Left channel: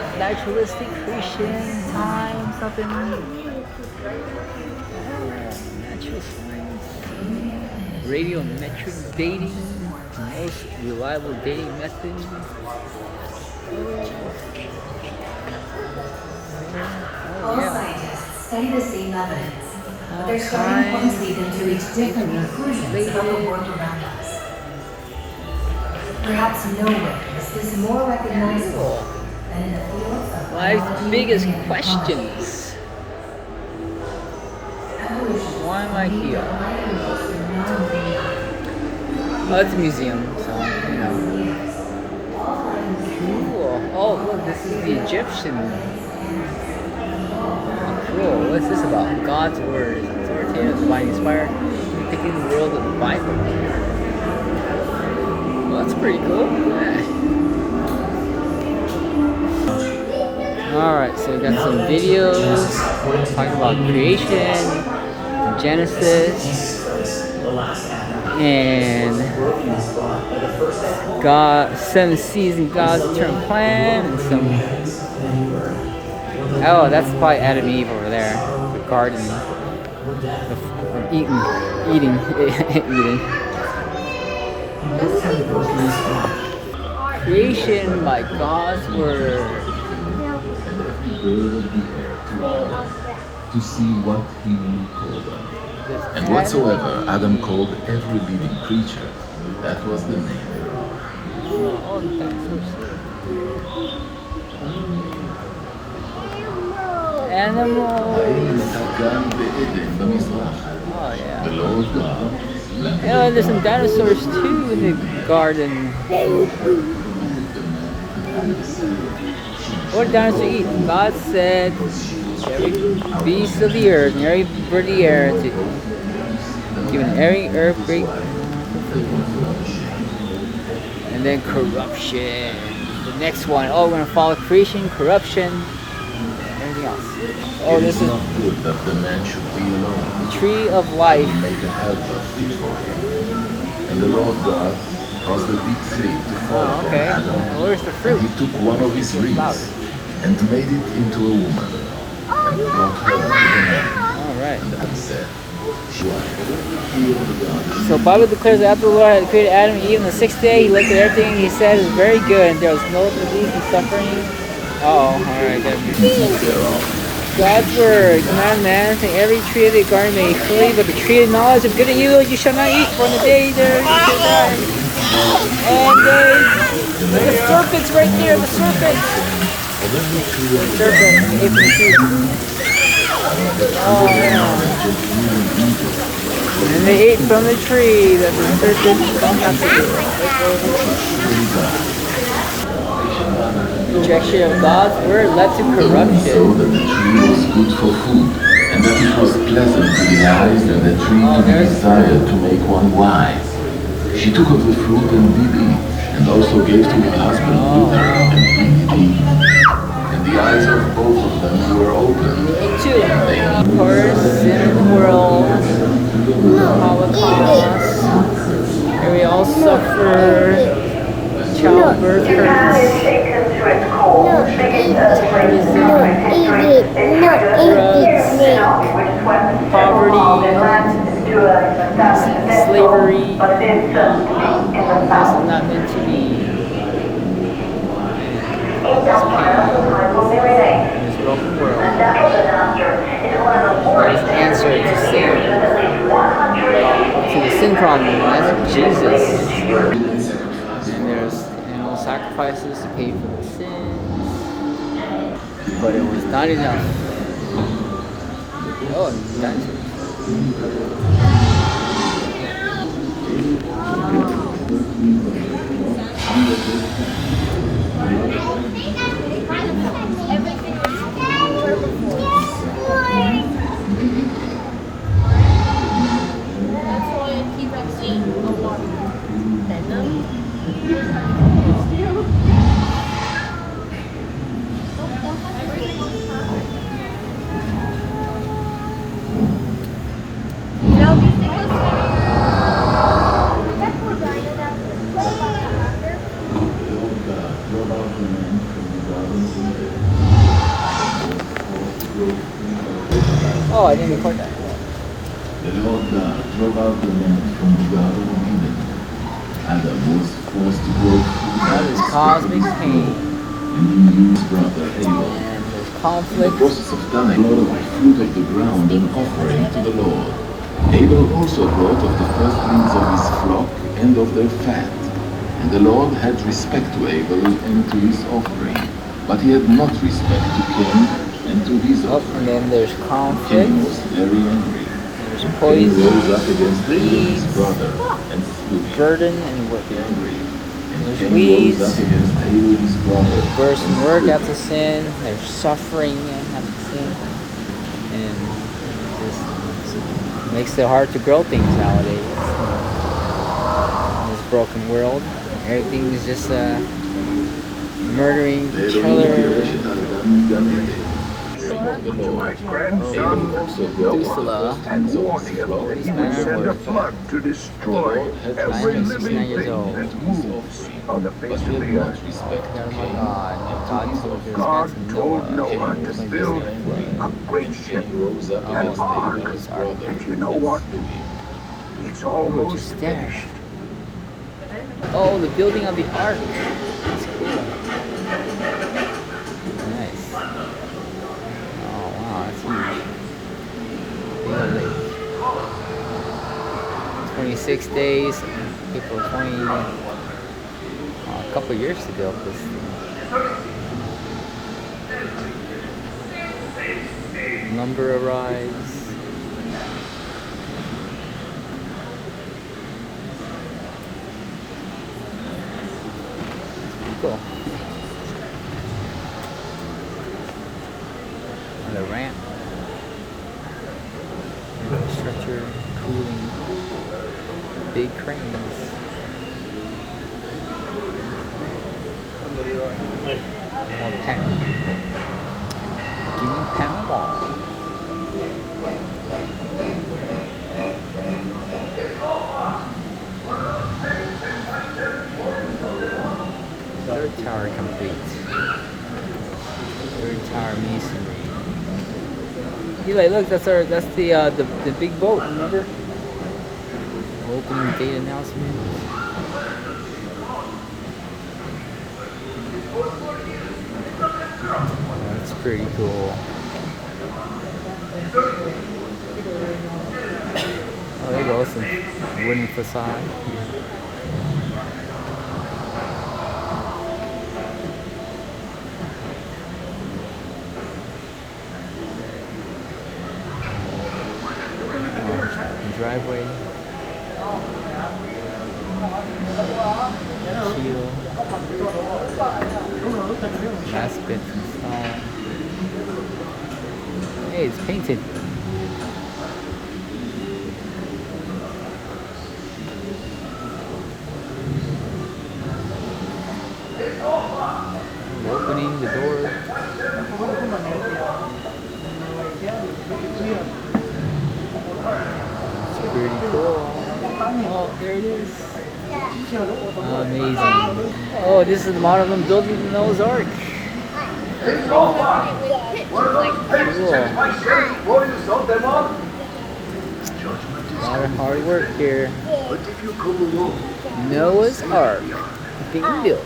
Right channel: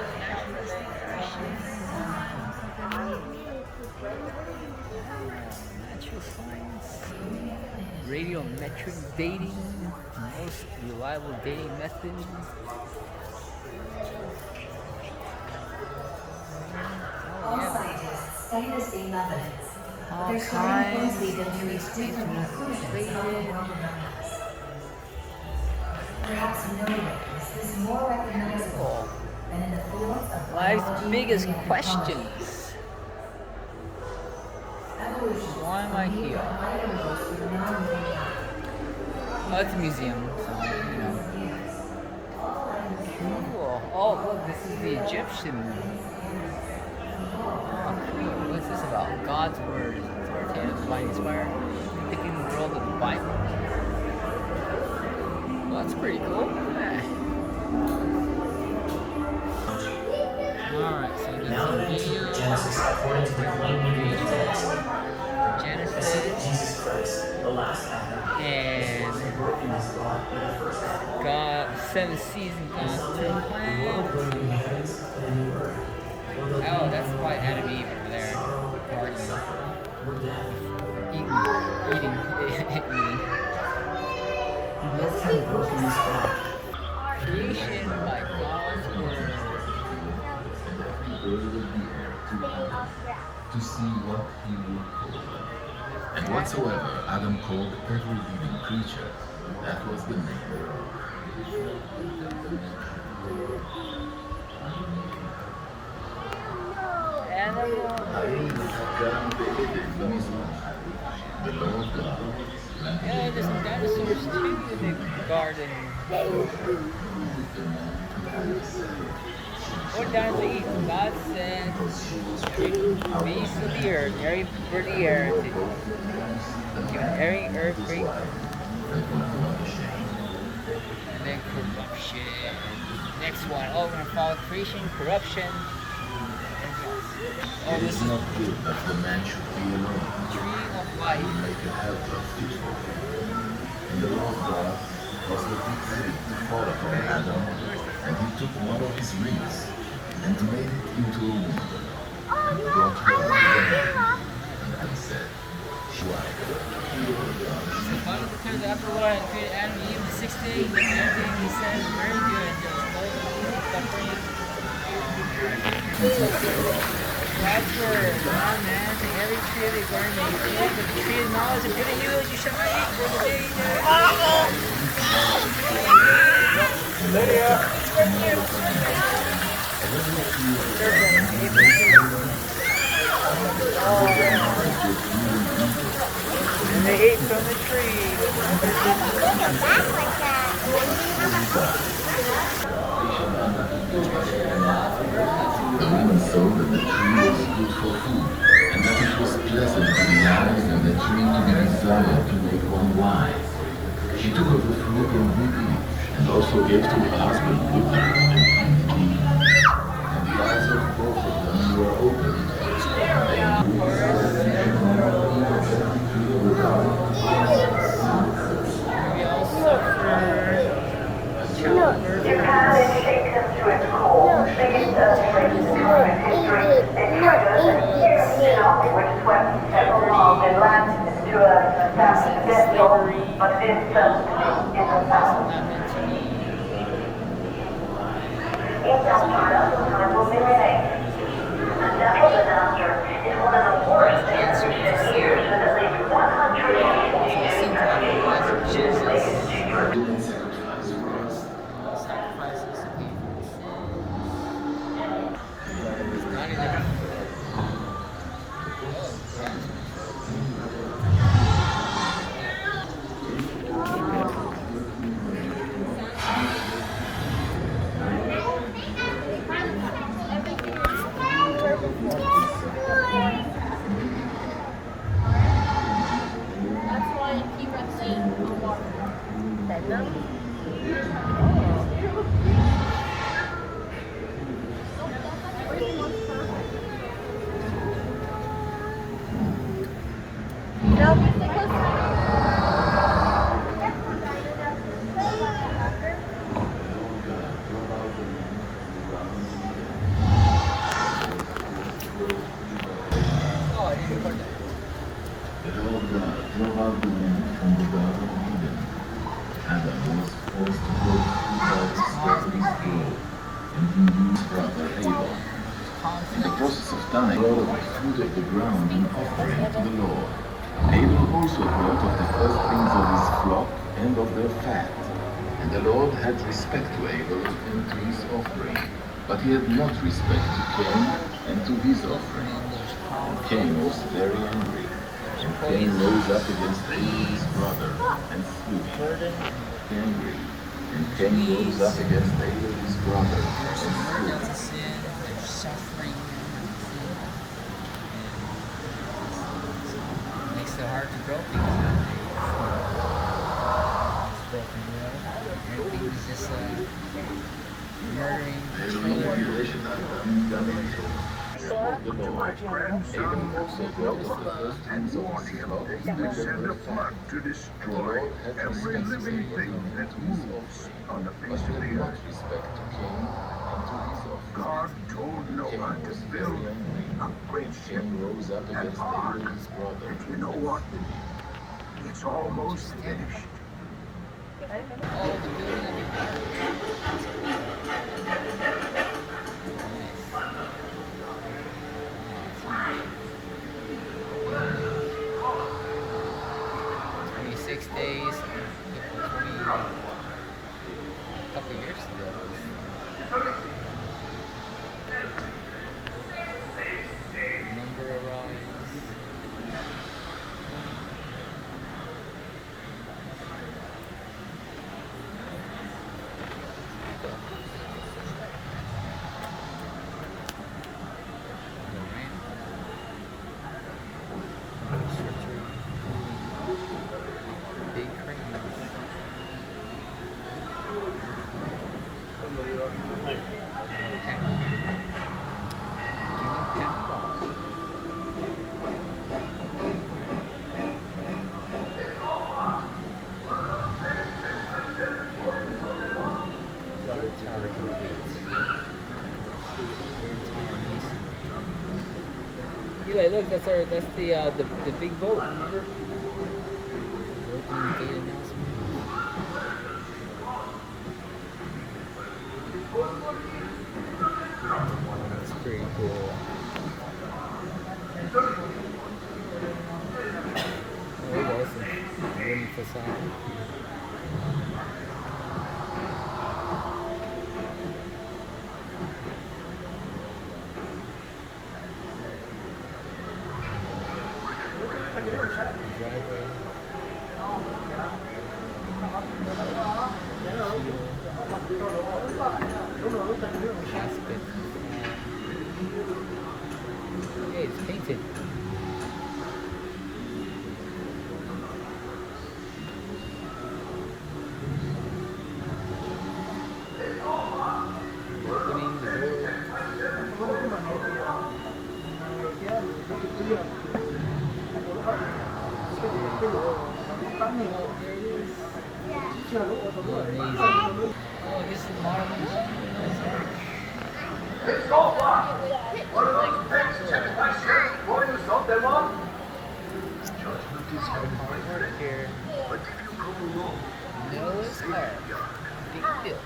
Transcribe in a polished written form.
got naturalistic creation, time, something. Natural science. Radiometric dating. Most reliable dating method. All scientists study the same evidence, but their starting points lead them to reach different conclusions about the world around us. Perhaps nowhere is this more recognizable than in the fields of Life's biggest questions. Why am I here? Oh, it's a museum, so, you know. Cool. Oh, look, this is the Egyptian. Oh, cool. What's this about? God's Word is authoritative, divine inspired, depicting the world of the Bible. Well, that's pretty cool. Yeah. Alright, so we got some videos talking about creation, Genesis, and God, 7 seasons, God's eternal plan, and some. Oh, that's probably Adam and Eve over there, the garden, eating. Creation by God's Word. To see what he would call them. And whatsoever Adam called every living creature, that was the name. Animal. Oh yeah. The Lord God. Yeah, there's some dinosaurs too in the garden. What did dinosaurs eat? God said every beast of the earth and every bird of the air to given every herb great food. And then corruption. The next one. Oh, we're gonna follow creation, corruption. Anything else? Oh, this is not good that the man should be alone. the tree of life. Make a helper fit for him. And the Lord God caused a deep sleep to fall Oh, upon okay. Adam. Where's the fruit? And he took one of his ribs and made it into a woman and brought her to the man. Alright. And Adam said, So Bible declares that after the Lord had created Adam and Eve on the 6th day, he looked at everything and he said it was very good, and there was no disease and suffering. Alright, God's Word, command man, saying every tree of the garden may fully, but the tree of knowledge of good and evil you shall not eat, for in the day there you shall die. And the serpent's right there, the serpent. And they ate from the tree that the serpent found not to do. Rejection of God's Word led to so corruption. that the tree was good for food, and that it was pleasant to the eyes, and the tree to be desired to make one wise. She took of the fruit and did eat, and also gave to her husband with her, and he did eat. And the eyes of both of them were opened. Two, of course, in the world, Holocaust, and we all suffer childbirth hurts, slavery. This is not meant to be. This broken world. There's an answer to sin. To the sin problem, that's Jesus. And there's animal sacrifices to pay for the sins. But it was not enough. Oh, dinosaurs. Oh, I didn't record that. The Lord God drove out the man from the Garden of Eden. Adam was forced to grow food That is cosmic pain. and he used his brother Abel. And there's In the conflict. process of dying, Lord fruit of the ground and offering to the Lord. Abel also brought of the firstlings of his flock and of their fat. And the Lord had respect to Abel and to his offering, but he had not respect to Cain and to his Oh, offering. and then there's conflict. Cain was very angry. There's Cain poison, rose up against Abel his brother and slew him. burden, and work. Angry. And There's Cain weeds. rose up against Abel his brother. There's birth and and work slew after him. sin. There's suffering after sin. And this makes it hard to grow things nowadays. In this broken world, everything is just murdering each other. To my grandson, Methuselah, and warned him that he would send a flood to destroy every 969 living years thing old. that moves on the face of the earth. Oh my God. God told their God parents told Noah to when build this a great ship, an ark, and you know what? It's almost Just there. finished. Oh, the building of the ark. That's cool. Nice. Oh wow, that's huge. 26 days, April 20, a couple of years ago. Number arrives. Cool. On the ramp. Stretcher, cooling, big cranes. More packing. Doing pound ball. Third tower complete. Third tower masonry. Eli, look, that's the big boat. Remember? Opening date announcement. That's pretty cool. Oh, there you go. Some wooden facade. Driveway. Shield. Basket installed. Hey, it's painted. Opening the door. Pretty cool. Oh, there it is. Amazing. Oh, this is the model of building the Noah's Ark. Cool. A lot of hard work here. Noah's Ark being built.